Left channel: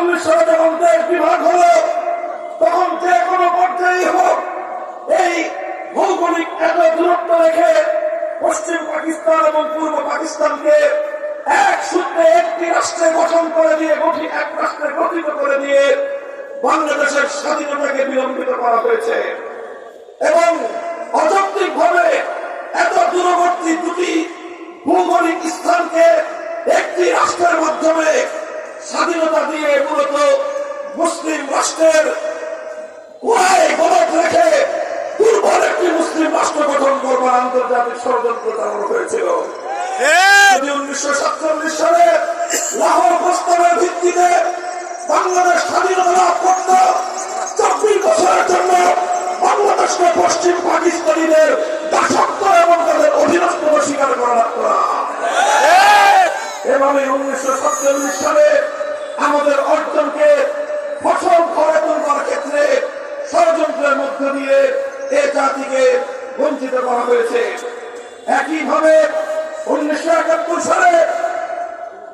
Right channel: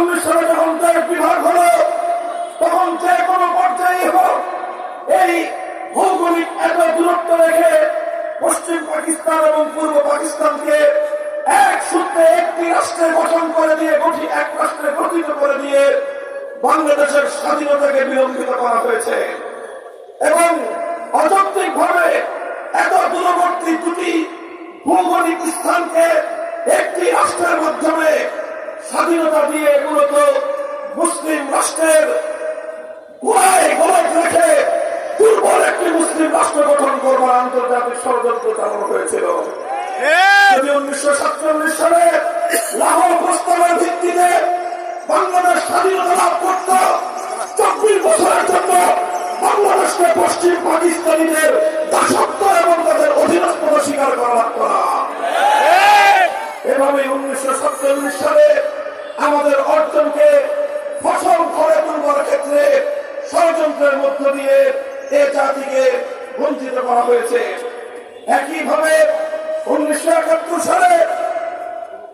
47 সালে যখন দেশ বিভাগ হলো, তখন যে কোনো পর্যায়ে হোক এই ভৌগোলিক এত দূরত্ব রেখে পশ্চিম পাকিস্তান এবং পূর্ব পাকিস্তানকে এক সূত্রে একটি রাষ্ট্রে গঠন করে দিয়ে এক রাষ্ট্রে গঠিত করে দিয়ে বাংলাদেশের স্বাধীনতাকে বিলম্বিত করা হয়েছে এবং অযৌক্তিকভাবে এত দূরবর্তী দুটি ভৌগোলিক স্থানকে একটি রাষ্ট্রের মাধ্যমে স্বাধীনতা দিয়ে মূলত মুসলিম রাষ্ট্রের গোড়ায় গলদ রেখে দুর্বল একটি মুসলিম রাষ্ট্র গঠন করবার আন্তর্জাতিক ষড়যন্ত্র চালানো হয়েছিল। 1947 সালে লাহোর প্রস্তাবের ভিত্তিতে বাংলাদেশ স্বাধীনতা লাভ করত 24 বছরের জন্য বাংলাদেশকে পশ্চিম পাকিস্তানিদের দাসত্ব এবং তাদের অধীনস্থ স্বীকার করা লাগতো না। এভাবে 1947 সালে আমাদের অর্জনকে ফসল করে তুলবার ক্ষেত্রে ষড়যন্ত্রের মধ্য দিয়ে এ জাতিকে বঞ্চিত করা হয়েছে। একইভাবে 1971 সালে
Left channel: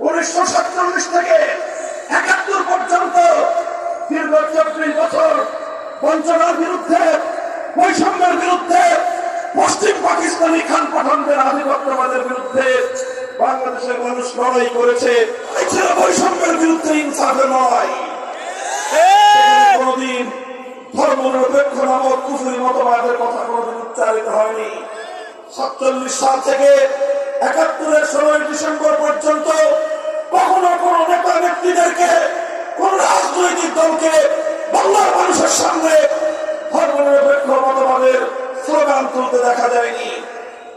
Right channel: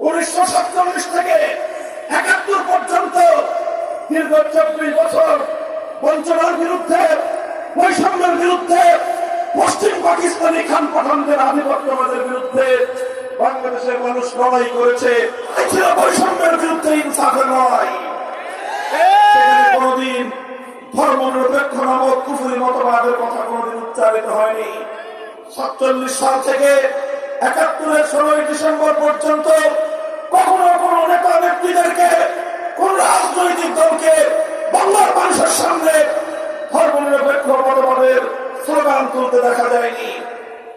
1947 থেকে 71 পর্যন্ত দীর্ঘ 24 বছর বঞ্চনার বিরুদ্ধে, বৈষম্যের বিরুদ্ধে, পশ্চিম পাকিস্তানি খান পাঠানদের আধিপত্যবাদের বিরুদ্ধে বাংলাদেশের মানুষ লড়াই করেছে। ছিল বৈষম্যের বিরুদ্ধে, ইনসাফের লড়াই। কোনদিন ধর্মনিরপেক্ষ নামক কুফরি মতবাদের কথা কোনদিন উচ্চারিত হয়নি। 47 সাল থেকে 71-এর 16 ডিসেম্বর পর্যন্ত কখনো কোন নেতা নেত্রীদেরকে, কোন রাজনৈতিক দলকে বাংলার মানুষের সামনে ধর্মনিরপেক্ষ মতবাদের স্লোগান তুলতে দেখা যায়নি।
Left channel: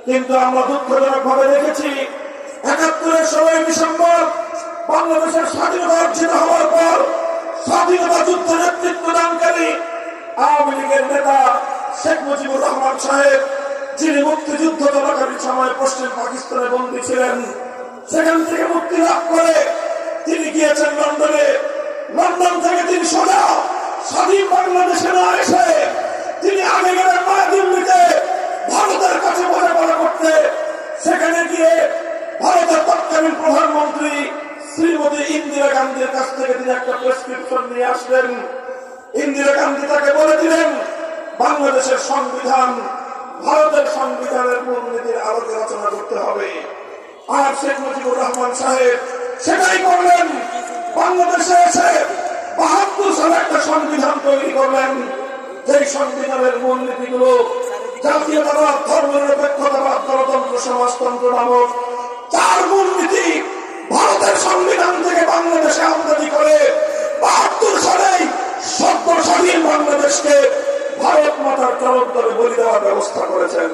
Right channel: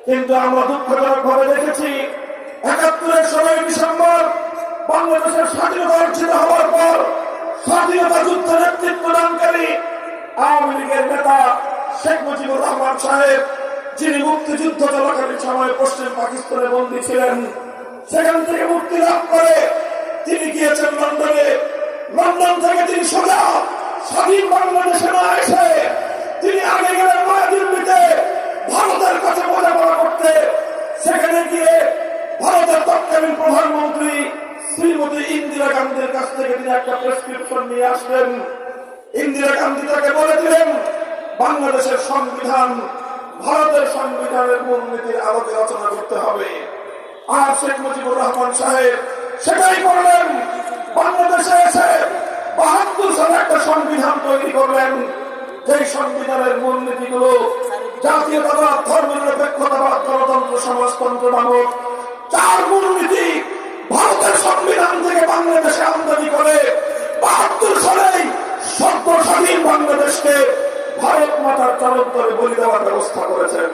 কিন্তু আমরা দুঃখজনক ভাবে দেখেছি 71-এর 16 ডিসেম্বর বাংলাদেশের স্বাধীনতা অর্জিত হওয়ার পর স্বাধীনতা যুদ্ধে নেতৃত্ব দানকারী আওয়ামী লীগের নেতা শেখ মুজিবুর রহমান সাহেব, যিনি মুক্তিযুদ্ধ চলাকালীন সময় পশ্চিম পাকিস্তানে বন্দী ছিলেন, সেখান থেকে মুক্তি লাভ করে তিনি গিয়েছেন লন্ডনে। লন্ডন থেকে তিনি সোজা স্বাধীন বাংলাদেশে না এসে তিনি আগে গেলেন নয়াদিল্লিতে ভারতের কাছে বোঝাপড়া করতে। সেখানে গিয়ে ভারতের তৎকালীন প্রধানমন্ত্রী শ্রীমতী ইন্দিরা গান্ধীর কাছ থেকে তিনি একটা প্রেসক্রিপশন নিয়ে আসলেন। ইন্দিরা গান্ধী তাকে বলেছিলেন বাংলাদেশের সংবিধান ভারতের সংবিধানের মূলনীতির আলোকে রচনা করতে হবে। আর শেখ মুজিবুর রহমান সাহেব সেটাই করলেন। বাংলাদেশে এসে 72 সালে একটা সংবিধান তৈরি করলেন, যেই সংবিধানের মূলনীতিগুলো জাতীয়তাবাদ, ধর্মনিরপেক্ষতাবাদ, গণতন্ত্র, সমাজতন্ত্র নামক 4 মূলনীতি ভারতের সংবিধান থেকে বাংলাদেশে আমদানি করে 72 সালেই সদ্য স্বাধীন বাংলাদেশকে ভারত মাতার চালক দলে বলি দেওয়ার ব্যবস্থা করেছেন।